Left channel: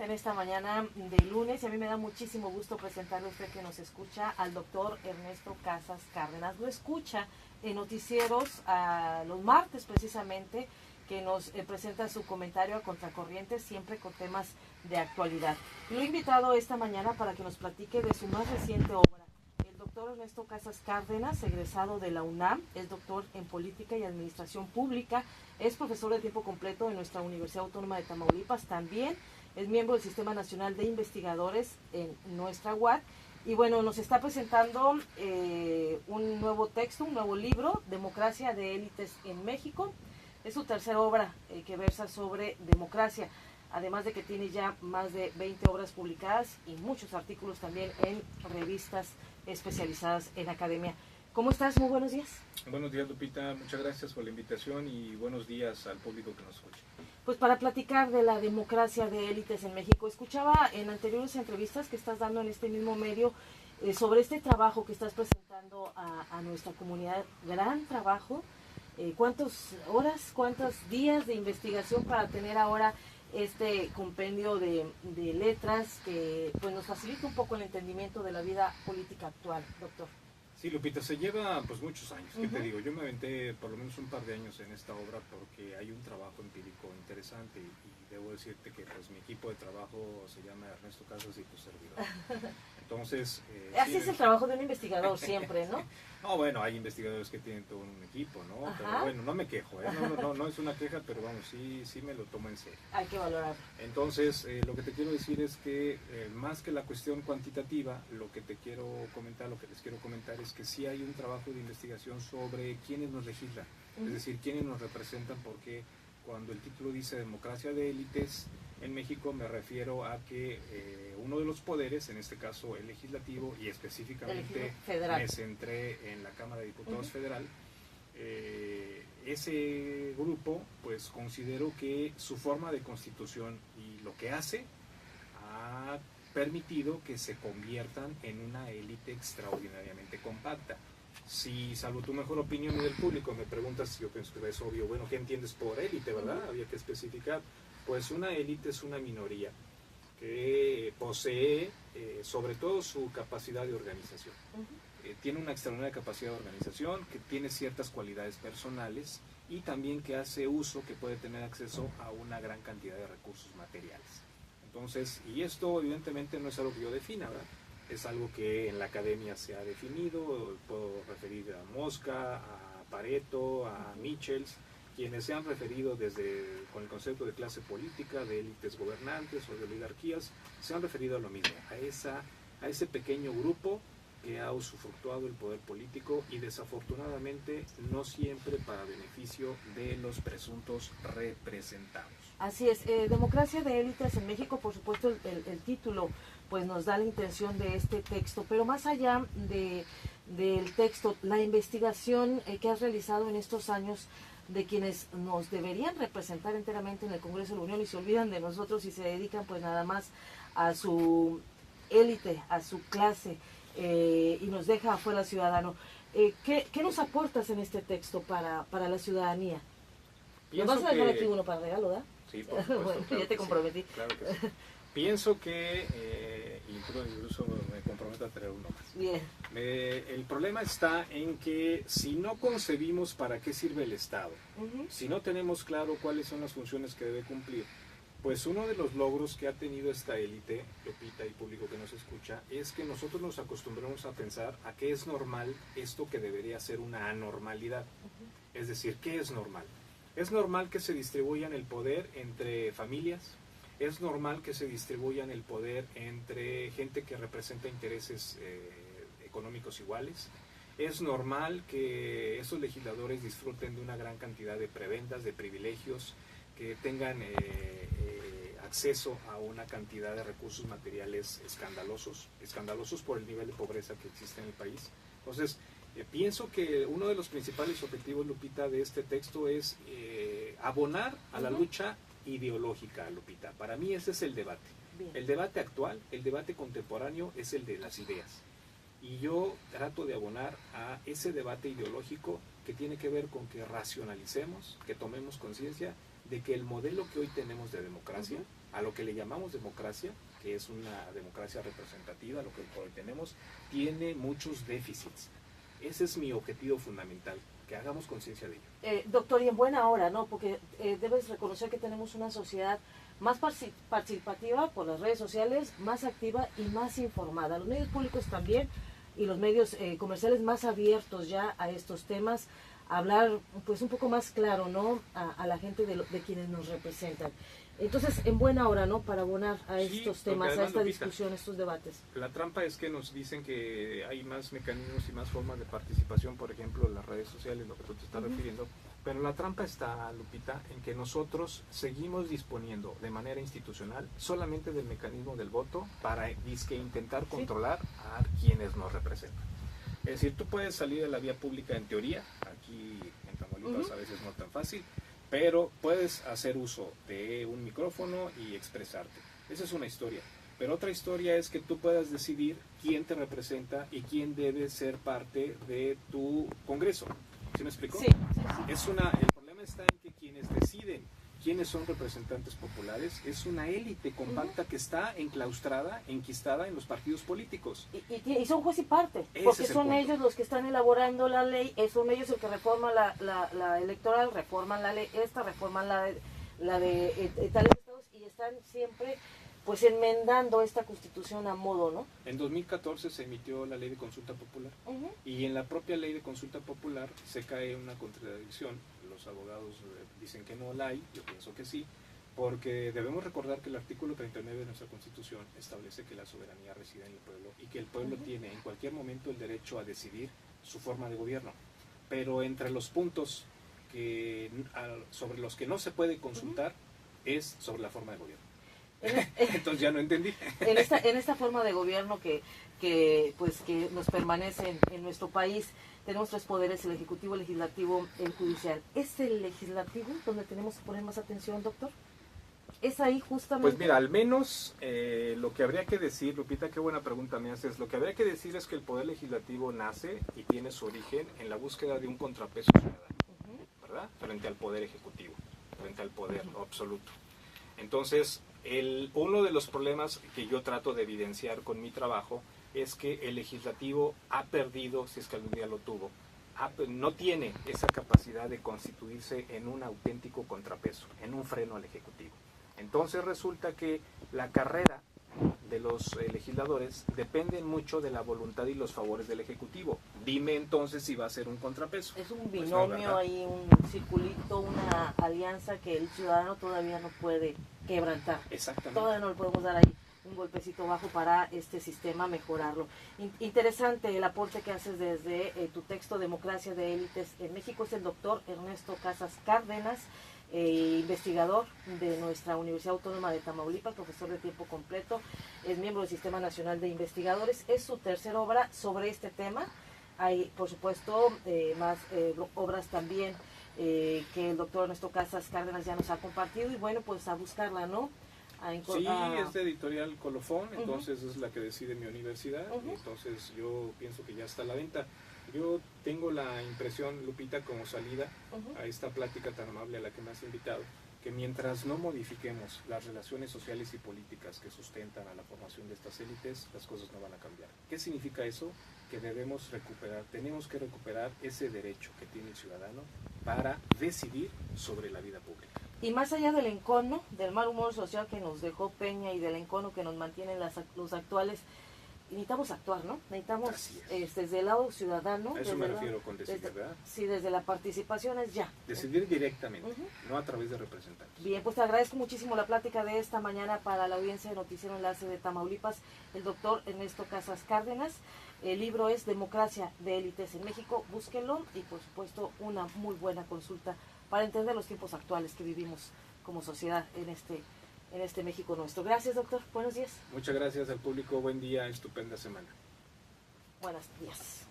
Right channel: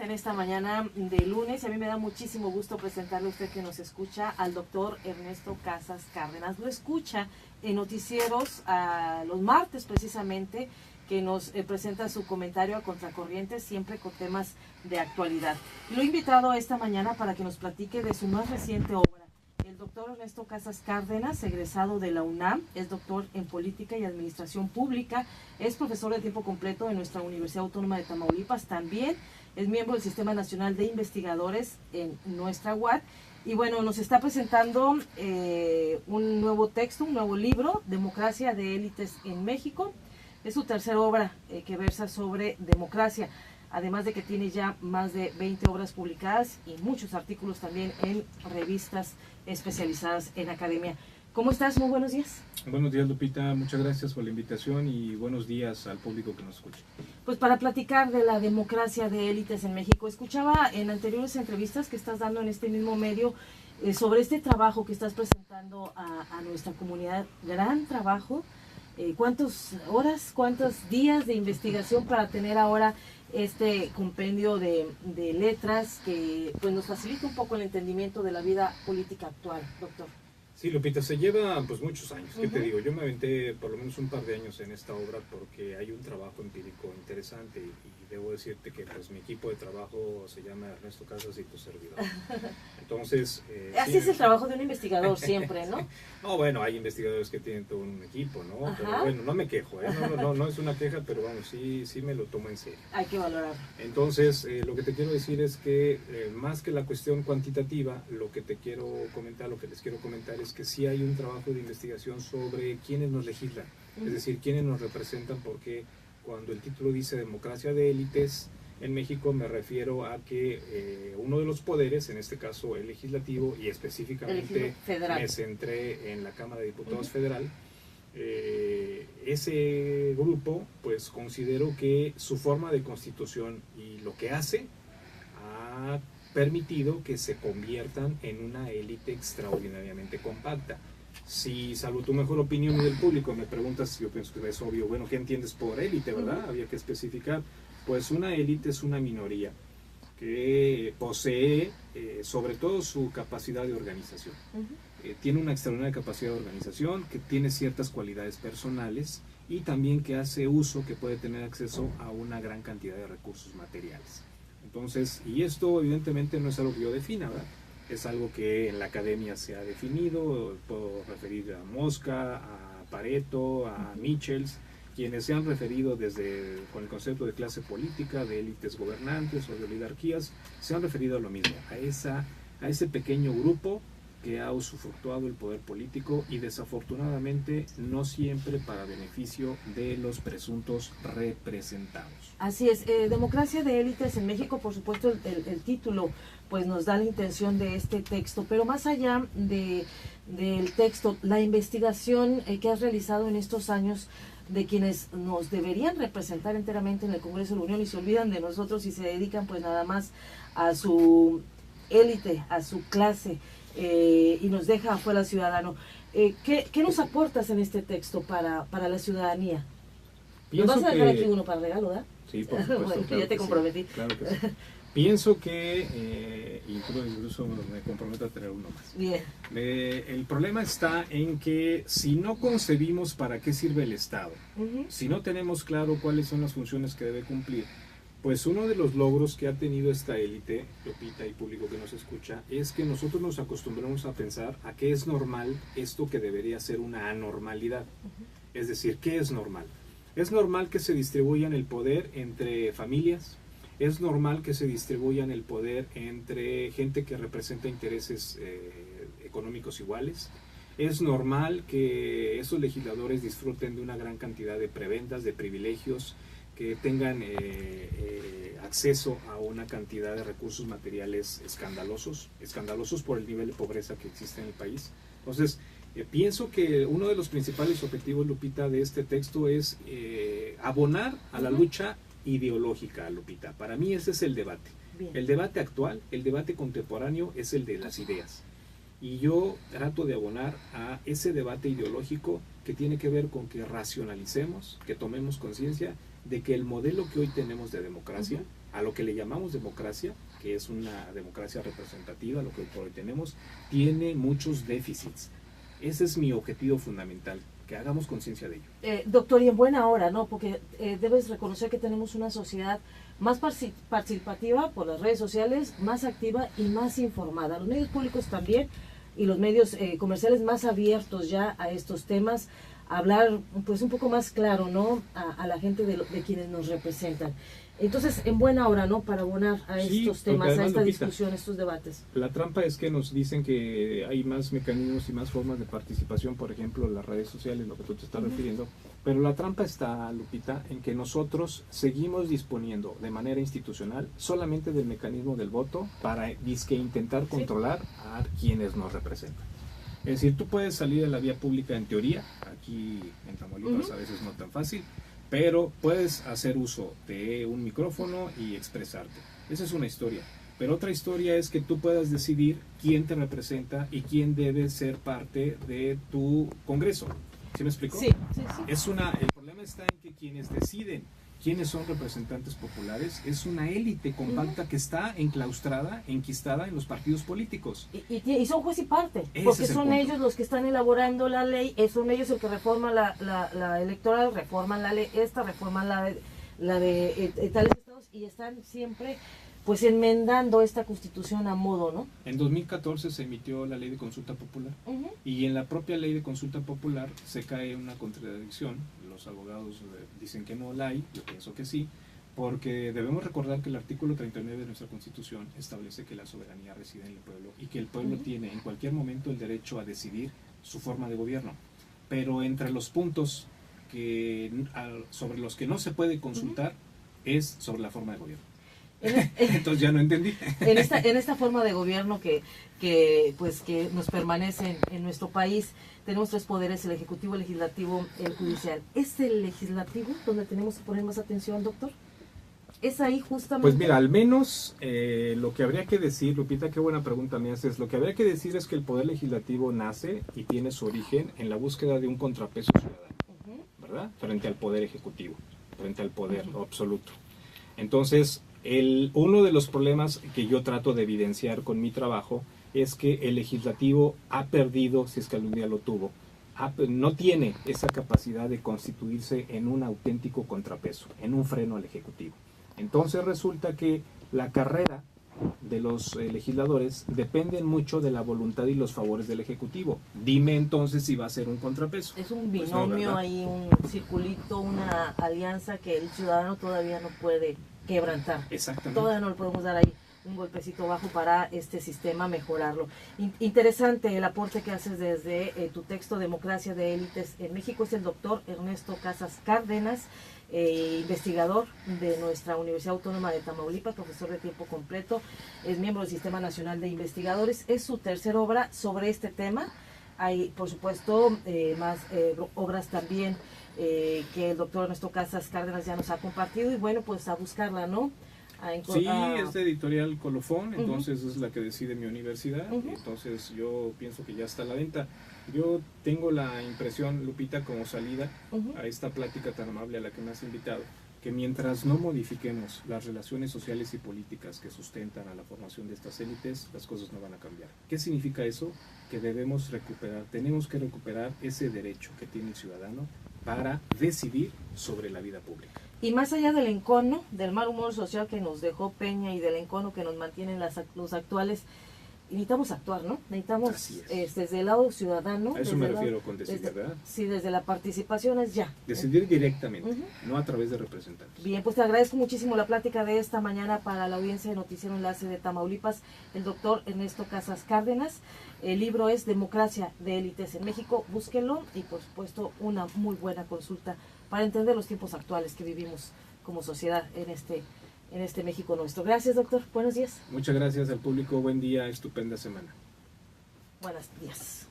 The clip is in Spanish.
entrevista en esta mañana de lunes. A mí me da muchísimo gusto presentarle a usted que nos escucha al doctor Ernesto Casas Cárdenas. Lo escucha en noticieros los martes precisamente, que nos presenta su comentario a Contracorriente, siempre con temas de actualidad. Lo he invitado esta mañana para que nos platique de su más reciente obra. El doctor Ernesto Casas Cárdenas, egresado de la UNAM, es doctor en Política y Administración Pública, es profesor de tiempo completo en nuestra Universidad Autónoma de Tamaulipas, también es miembro del Sistema Nacional de Investigadores en nuestra UAT, y bueno, nos está presentando un nuevo texto, un nuevo libro, Democracia de Élites en México. Es su tercera obra que versa sobre democracia, además de que tiene ya más de 20 obras publicadas y muchos artículos también en revistas especializadas en academia. ¿Cómo estás? Muy buenos días. Buenos días, Lupita. Muchas gracias por la invitación y buenos días al público que nos escucha. Pues para platicar de la democracia de élites en México, escuchaba en anteriores entrevistas que estás dando en este mismo medio sobre este trabajo que estás presentando a nuestra comunidad. Gran trabajo. ¿Cuántas horas, cuántos días de investigación para tener ahora este compendio de letras que pues nos facilita un poco el entendimiento de la vida política actual, doctor? Sí, Lupita, se lleva pues muchos años. ¿Qué te digo? Yo me aventé por lo menos un par de años en esta obra porque hay un trabajo empírico interesante y debo decirte que pues mi equipo de trabajo se llama Ernesto Casas y tu servidor. Entonces... Así es el trabajo de un investigador siempre, ¿no? No, bueno, hay investigadores que tienen todo un equipo, ¿no? Ajá. Pero bueno, no me quejo, ¿eh? No es una queja, pero vamos, sí me lo tomo en serio. Hay que valorar. Entonces, lo que te quiero decir es que más que la cuestión cuantitativa, lo que les quiero comentar es que sí hay un trabajo de investigación sobre quiénes nos legislan, es decir, quiénes nos representan, porque cuando el título dice democracia de élites, en México me refiero a que uno de los poderes, en este caso el legislativo, y específicamente me centré en la Cámara de Diputados Federal, ese grupo pues considero que su forma de constitución y lo que hace ha permitido que se conviertan en una élite extraordinariamente compacta. Si, salvo tu mejor opinión y del público, me preguntas, yo pienso que es obvio, bueno, ¿qué entiendes por élite, verdad? Había que especificar. Pues una élite es una minoría que posee sobre todo su capacidad de organización. Tiene una extraordinaria capacidad de organización, que tiene ciertas cualidades personales y también que hace uso, que puede tener acceso a una gran cantidad de recursos materiales. Entonces, y esto evidentemente no es algo que yo defina, ¿verdad? Es algo que en la academia se ha definido, puedo referir a Mosca, a Pareto, a Michels, quienes se han referido con el concepto de clase política, de élites gobernantes o de oligarquías, se han referido a lo mismo, a ese pequeño grupo que ha usufructuado el poder político y desafortunadamente no siempre para beneficio de los presuntos representados. Así es, democracia de élites en México, por supuesto el título pues nos da la intención de este texto, pero más allá del texto, la investigación que has realizado en estos años de quienes nos deberían representar enteramente en el Congreso de la Unión y se olvidan de nosotros y se dedican pues nada más a su élite, a su clase, y nos deja afuera al ciudadano. ¿Qué nos aportas en este texto para la ciudadanía? ¿Nos vas a dejar aquí uno para regalo, ¿verdad? Sí, por supuesto. Bueno, claro ya te comprometí. Sí, claro que sí. Pienso que, incluso me comprometo a traer uno más. Bien. El problema está en que si no concebimos para qué sirve el Estado, si no tenemos claro cuáles son las funciones que debe cumplir, pues uno de los logros que ha tenido esta élite, Lupita y público que nos escucha, es que nosotros nos acostumbramos a pensar a qué es normal esto que debería ser una anormalidad. Es decir, ¿qué es normal? Es normal que se distribuyan el poder entre familias, es normal que se distribuyan el poder entre gente que representa intereses económicos iguales, es normal que esos legisladores disfruten de una gran cantidad de prebendas, de privilegios, que tengan acceso a una cantidad de recursos materiales escandalosos por el nivel de pobreza que existe en el país. Entonces, pienso que uno de los principales objetivos, Lupita, de este texto es abonar a la lucha ideológica, Lupita. Para mí ese es el debate. Bien. El debate actual, el debate contemporáneo es el de las ideas. Y yo trato de abonar a ese debate ideológico que tiene que ver con que racionalicemos, que tomemos conciencia de que el modelo que hoy tenemos de democracia a lo que le llamamos democracia, que es una democracia representativa, lo que hoy tenemos, tiene muchos déficits. Ese es mi objetivo fundamental, que hagamos conciencia de ello. Doctor, y en buena hora, ¿no? Porque debes reconocer que tenemos una sociedad más participativa por las redes sociales, más activa y más informada. Los medios públicos también y los medios comerciales más abiertos ya a estos temas, a hablar pues un poco más claro, ¿no? A la gente de quienes nos representan. Entonces, en buena hora, ¿no? Para abonar a estos temas, además, a esta discusión, a estos debates. La trampa es que nos dicen que hay más mecanismos y más formas de participación, por ejemplo, las redes sociales, lo que tú te estás refiriendo. Pero la trampa está, Lupita, en que nosotros seguimos disponiendo de manera institucional solamente del mecanismo del voto para intentar controlar a quienes nos representan. Es decir, tú puedes salir a la vía pública en teoría, aquí en Tamaulipas a veces no tan fácil, pero puedes hacer uso de un micrófono y expresarte. Esa es una historia. Pero otra historia es que tú puedas decidir quién te representa y quién debe ser parte de tu Congreso. ¿Sí me explico? Sí. El problema está en que quienes deciden quiénes son representantes populares es una élite compacta que está enclaustrada, enquistada en los partidos políticos. Y son juez y parte, porque son ellos los que están elaborando la ley, son ellos el que reforman la electoral, reforman la ley reforman la de tales estados, y están siempre pues enmendando esta constitución a modo, ¿no? En 2014 se emitió la ley de consulta popular, y en la propia ley de consulta popular se cae una contradicción. Los abogados dicen que no la hay, yo pienso que sí, porque debemos recordar que el artículo 39 de nuestra Constitución establece que la soberanía reside en el pueblo y que el pueblo tiene en cualquier momento el derecho a decidir su forma de gobierno. Pero entre los puntos sobre los que no se puede consultar es sobre la forma de gobierno. Entonces ya no entendí. En esta forma de gobierno que nos permanece en nuestro país, tenemos tres poderes: el ejecutivo, el legislativo, el judicial. ¿Es el legislativo donde tenemos que poner más atención, doctor? ¿Es ahí justamente? Pues mira, al menos lo que habría que decir, Lupita, qué buena pregunta me haces. Lo que habría que decir es que el poder legislativo nace y tiene su origen en la búsqueda de un contrapeso ciudadano, ¿verdad? Frente al poder ejecutivo, frente al poder absoluto. Entonces, uno de los problemas que yo trato de evidenciar con mi trabajo es que el legislativo ha perdido, si es que algún día lo tuvo, no tiene esa capacidad de constituirse en un auténtico contrapeso, en un freno al ejecutivo. Entonces resulta que la carrera de los legisladores dependen mucho de la voluntad y los favores del ejecutivo. Dime entonces si va a ser un contrapeso. Es un binomio, pues ahí, un circulito, una alianza que el ciudadano todavía no puede quebrantar. Exactamente. Todavía no le podemos dar ahí un golpecito bajo para este sistema mejorarlo. Interesante el aporte que haces desde tu texto Democracia de Élites en México. Es el doctor Ernesto Casas Cárdenas, investigador de nuestra Universidad Autónoma de Tamaulipas, profesor de tiempo completo, es miembro del Sistema Nacional de Investigadores. Es su tercera obra sobre este tema. Hay, por supuesto, más obras también que el doctor Ernesto Casas Cárdenas ya nos ha compartido, y bueno, pues a buscarla, ¿no? Sí, es de editorial Colofón, entonces es la que decide mi universidad, entonces yo pienso que ya está a la venta. Yo tengo la impresión, Lupita, como salida a esta plática tan amable a la que me has invitado, que mientras no modifiquemos las relaciones sociales y políticas que sustentan a la formación de estas élites, las cosas no van a cambiar. ¿Qué significa eso? Que tenemos que recuperar ese derecho que tiene el ciudadano para decidir sobre la vida pública. Y más allá del encono, del mal humor social que nos dejó Peña y del encono que nos mantienen los actuales, necesitamos actuar, ¿no? Necesitamos desde el lado ciudadano. A eso me refiero con decidir, ¿verdad? Sí, desde la participación es ya. Decidir directamente, no a través de representantes. Bien, pues te agradezco muchísimo la plática de esta mañana para la audiencia de Noticiero Enlace de Tamaulipas, el doctor Ernesto Casas Cárdenas. El libro es Democracia de Élites en México. Búsquenlo y, por supuesto, una muy buena consulta para entender los tiempos actuales que vivimos como sociedad en este México nuestro. Gracias, doctor. Buenos días. Muchas gracias al público. Buen día, estupenda semana. Buenos días.